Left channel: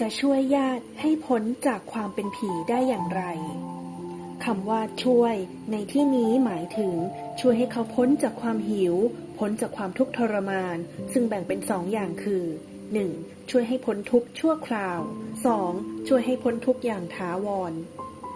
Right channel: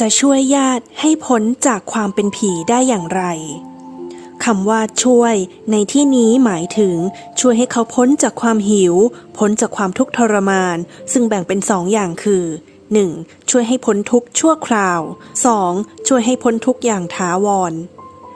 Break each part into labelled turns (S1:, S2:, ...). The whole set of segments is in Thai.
S1: จะช่วยญาติให้พ้นจากความเป็นผีได้อย่างไรคำว่าช่วย ในที่นี้หมายถึง ช่วยให้เขาพ้นจากความหิว พ้นจากความทุกข์ทรมาน ซึ่งแบ่งเป็นสองอย่างคือ 1. ช่วยให้พ้นทุกข์ชั่วคราว 2. ช่วยให้พ้นทุกข์อย่างถาวร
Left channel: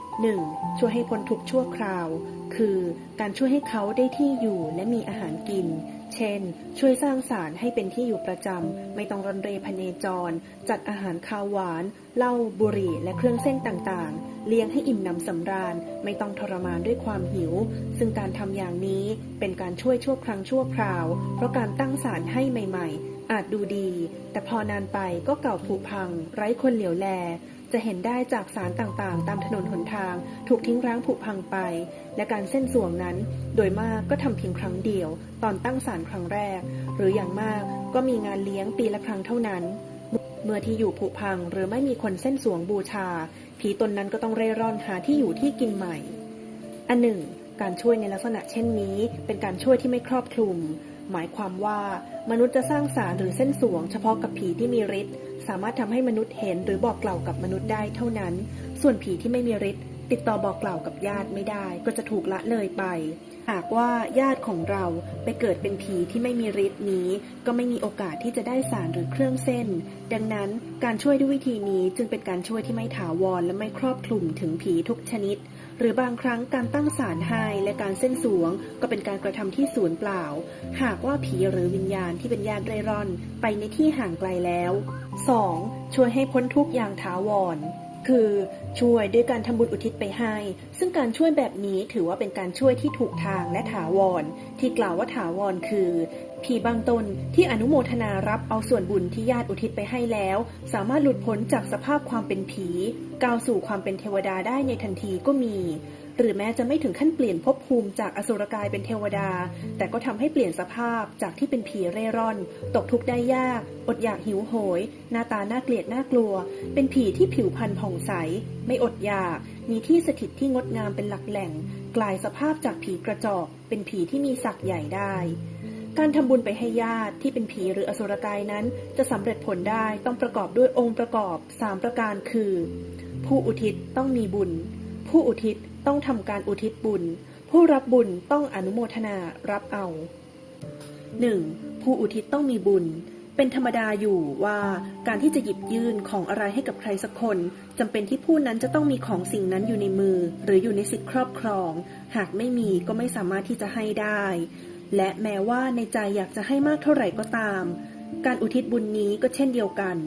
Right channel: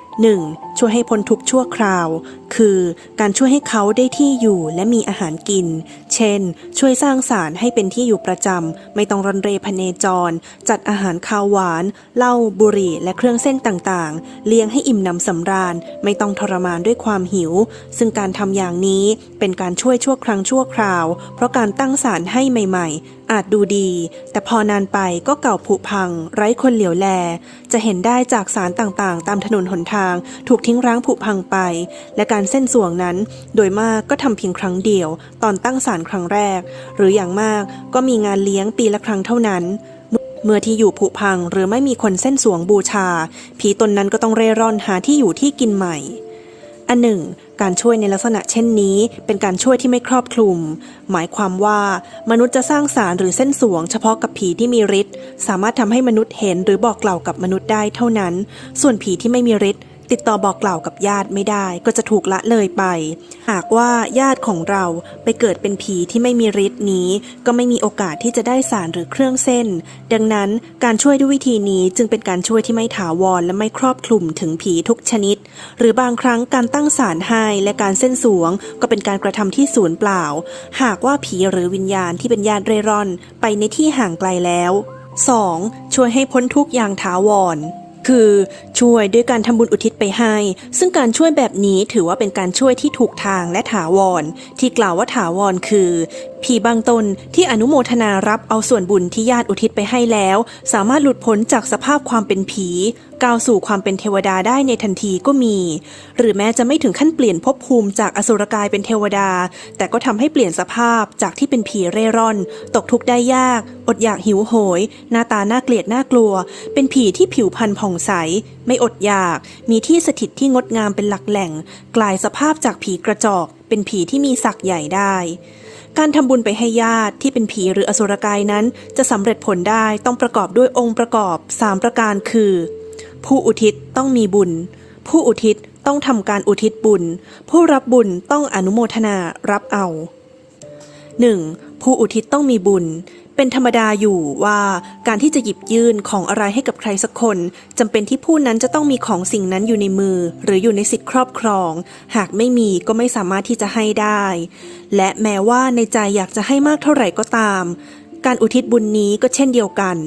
S1: 1. ช่วยให้พ้นทุกข์ชั่วคราว คือการช่วยให้เขาได้ที่อยู่และมีอาหารกิน เช่น ช่วยสร้างสารให้เป็นที่อยู่ประจำ ไม่ต้องรันเรพเนจร จัดอาหารคาวหวาน เหล้าบุหรี่ และเครื่องเส้นต่างๆ เลี้ยงให้อิ่มหนำสำราญ ไม่ต้องทรมานด้วยความหิว ซึ่งการทำอย่างนี้เป็นการช่วยชั่วครั้งชั่วคราว เพราะการตั้งสารให้ใหม่ ๆอาจดูดี แต่พอนานไปก็เก่าผุพัง ไร้คนเหลียวแล จะเห็นได้จากสารต่างๆ ตามถนนหนทาง ถูกทิ้งร้างผุพังไป และการการเส้นสวงนั้น โดยมากก็ทำเพียงครั้งเดียว ตอนตั้งศาลครั้งแรก หรืออย่างมากก็มีงานเลี้ยงปีละครั้งเท่านั้น เมื่อที่อยู่ผุพังหรือไม่มีคนเส้นสวงบูชา ผีตนนั้นก็ต้องเร่ร่อนหาที่อยู่ที่กินใหม่ อันหนึ่งการช่วยในลักษณะเช่นนี้ เป็นการช่วยที่ไม่ครอบคลุม หมายความว่ามนุษย์จะสร้างสารหรือเส้นสวง เฉพาะกับผีที่มีฤทธิ์สามารถทำให้มนุษย์เห็นหรือบอกกล่าวกับมนุษย์ได้เท่านั้น ส่วนผีที่ไม่มีฤทธิ์ ติดต่อบอกกล่าวกับญาติไม่ได้ก็จะถูกละเลยไป หากว่าญาติของเราไปเกิดเป็นผีที่ไม่มีฤทธิ์นี้ ก็ไม่มีโอกาสที่จะได้สารหรือเครื่องเส้น ดังนั้นการช่วยด้วยวิธีนี้จึงเป็นการช่วยที่ไม่ถาวรและไม่ครอบคลุมถึงผีทุกชนิด หรือบางครั้งการตั้งสารให้และการเส้นสวง ก็เป็นการกระทำที่ศูนย์เปล่า หากว่าผีหรือวิญญาณที่เป็นญาติเร่ร่อน ไปในที่ห่างไกลแล้ว 2. ช่วยให้พ้นทุกอย่างถาวร คือช่วยด้วยการทำบุญอุทิศไปให้ ซึ่งการช่วยแบบนี้ถือว่าเป็นการช่วยที่ถูกทางและถาวร ที่กล่าวว่าถาวรคือ ผีบางตนที่อนุโมทนารับเอาส่วนบุญที่ญาติอุทิศไปให้แล้ว สามารถหลุดพ้นจากสภาพความเป็นผี ก้าวสู่ความเป็นเทวดาได้ในทันทีก็มี หรือแม้จะไม่ถึงขั้นเปลี่ยนภพภูมิจากอสุรกายเป็นเทวดา แต่ก็ทำให้เปลี่ยนสภาพจากที่เป็นผีเร่ร่อน ตกทุกข์ได้ยาก อดอยากหิวโหย หน้าตาน่าเกลียดน่ากลัว เป็นผีที่ผิวพรรณผ่องใส ไม่อดอยาก มีที่สถิตที่งดงามเป็นหลักแหล่ง กลายสภาพจากผีกระจอก เป็นผีที่มีศักย์ใหญ่ได้ การทำบุญไปให้ญาติที่เป็นผีหรืออสุรกายนั้น จะสำเร็จผลได้ต้องประกอบด้วยองค์ประกอบ 3 ประการคือ ผู้อุทิศต้องมีบุญ ผู้อุทิศต้องทำการอุทิศบุญ ผู้รับบุญต้องอนุโมทนารับเอา 1. ผู้อุทิศต้องมีบุญ เป็นธรรมดาอยู่ว่าการที่จะหยิบยื่นของอะไรให้กับใครสักคนจำเป็นที่ผู้นั้นจะต้องมีของสิ่งนั้นอยู่ในมือ หรืออยู่ในสิทธิครอบครอง หากไม่มีก็ไม่สามารถที่จะให้ได้ และแม้ว่าในใจอยากจะให้มากเท่าไหร่ก็ตาม การอุทิศบุญนี้ก็เช่นเดียวกัน